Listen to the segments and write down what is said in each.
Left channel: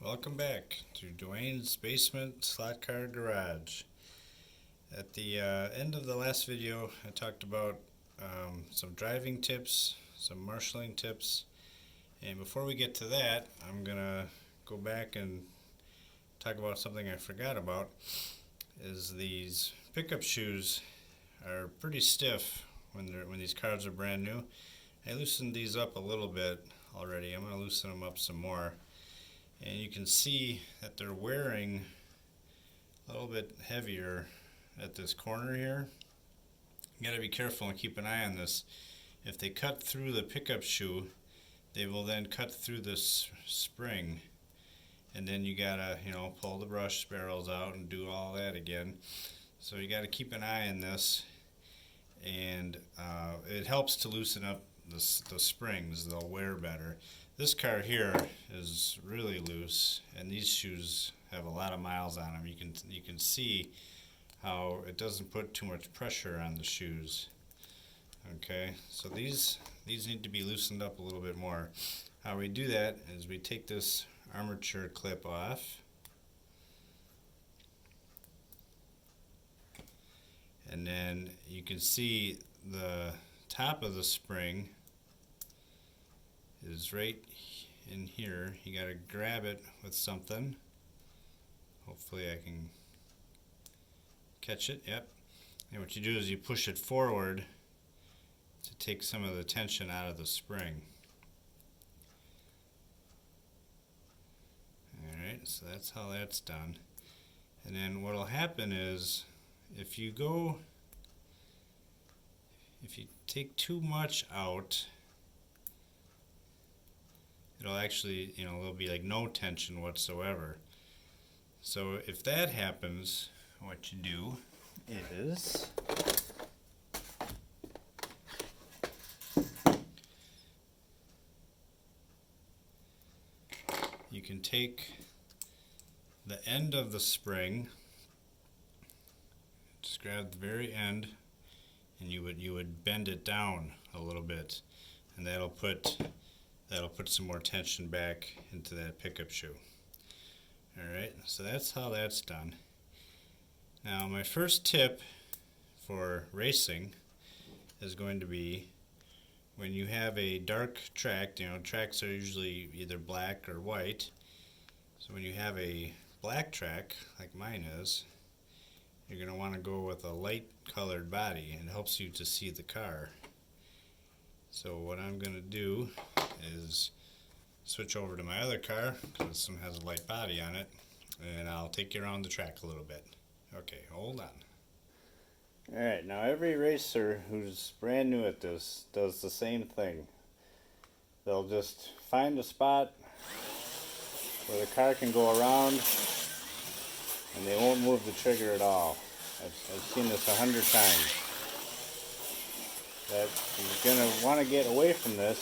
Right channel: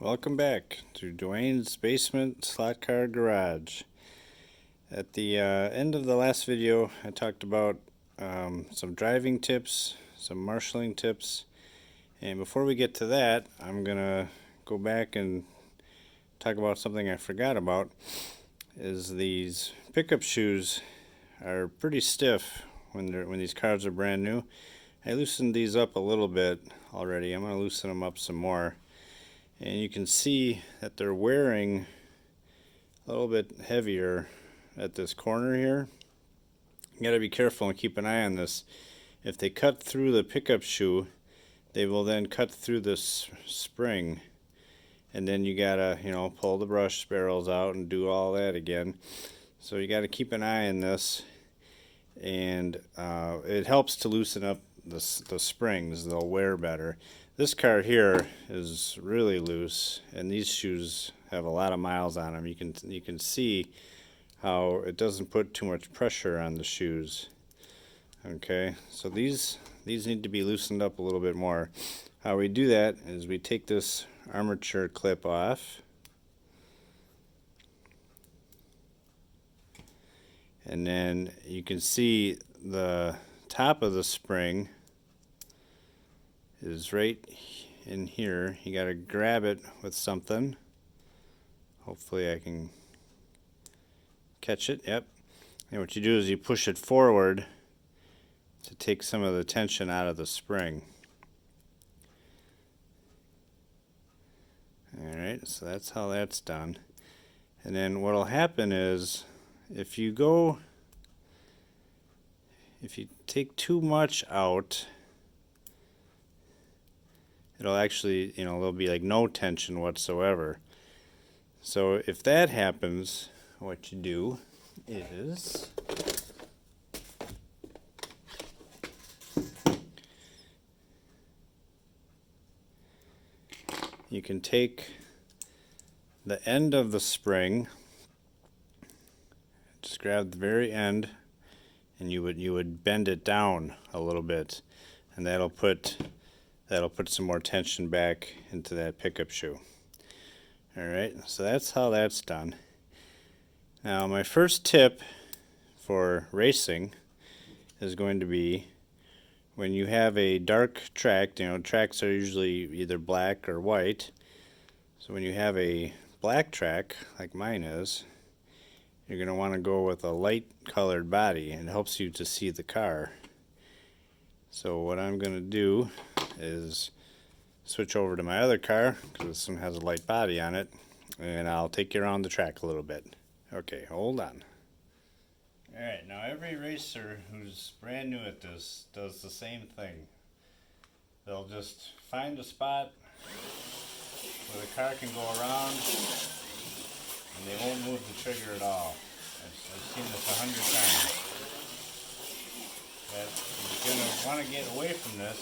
Welcome back to Dwayne's Basement Slot Car Garage. At the end of the last video, I talked about some driving tips, some marshalling tips, and before we get to that, I'm gonna go back and talk about something I forgot about. Is these pickup shoes are pretty stiff when these cars are brand new. I loosened these up a little bit already. I'm gonna loosen them up some more. And you can see that they're wearing a little bit heavier at this corner here. You gotta be careful and keep an eye on this. If they cut through the pickup shoe, they will then cut through this spring, and then you gotta, pull the brush barrels out and do all that again. So you gotta keep an eye on this, and it helps to loosen up the springs. They'll wear better. This car here is really loose, and these shoes have a lot of miles on them. You can see how it doesn't put too much pressure on the shoes. Okay, so these need to be loosened up a little bit more. How we do that is we take this armature clip off, and then you can see the top of the spring is right in here. You got to grab it with something. Hopefully I can catch it. Yep. And what you do is you push it forward to take some of the tension out of the spring. Alright, so that's how that's done. And then what will happen is if you take too much out, it'll actually, there'll be like no tension whatsoever. So if that happens, what you do is you can take the end of the spring, just grab the very end, and you would bend it down a little bit, and that'll put some more tension back into that pickup shoe. Alright, so that's how that's done. Now my first tip for racing is going to be when you have a dark track. Tracks are usually either black or white. So when you have a black track, like mine is, you're going to want to go with a light colored body, and it helps you to see the car. So what I'm going to do is switch over to my other car, because this one has a light body on it, and I'll take you around the track a little bit. Okay, hold on. Alright, now every racer who's brand new at this does the same thing. They'll just find a spot where the car can go around, and they won't move the trigger at all. I've seen this 100 times. But you're going to want to get away from this.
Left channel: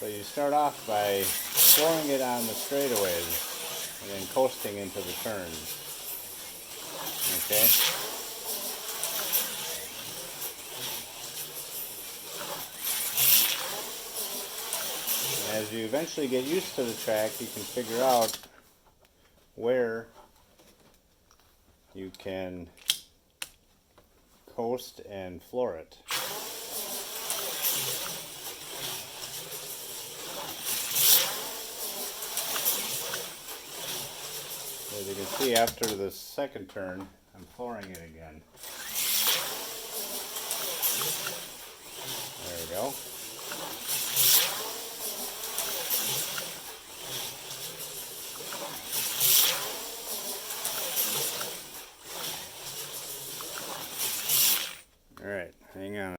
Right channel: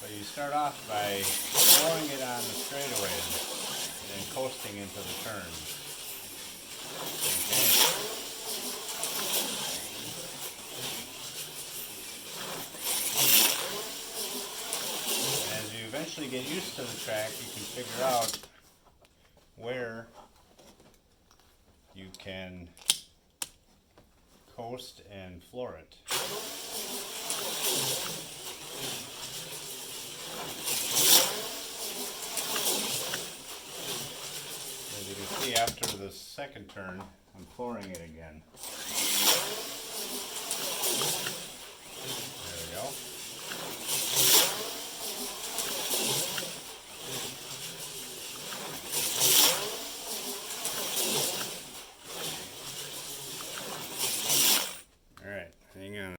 So you start off by throwing it on the straightaways and then coasting into the turns. Okay? As you eventually get used to the track, you can figure out where you can coast and floor it. As you can see, after the second turn, I'm flooring it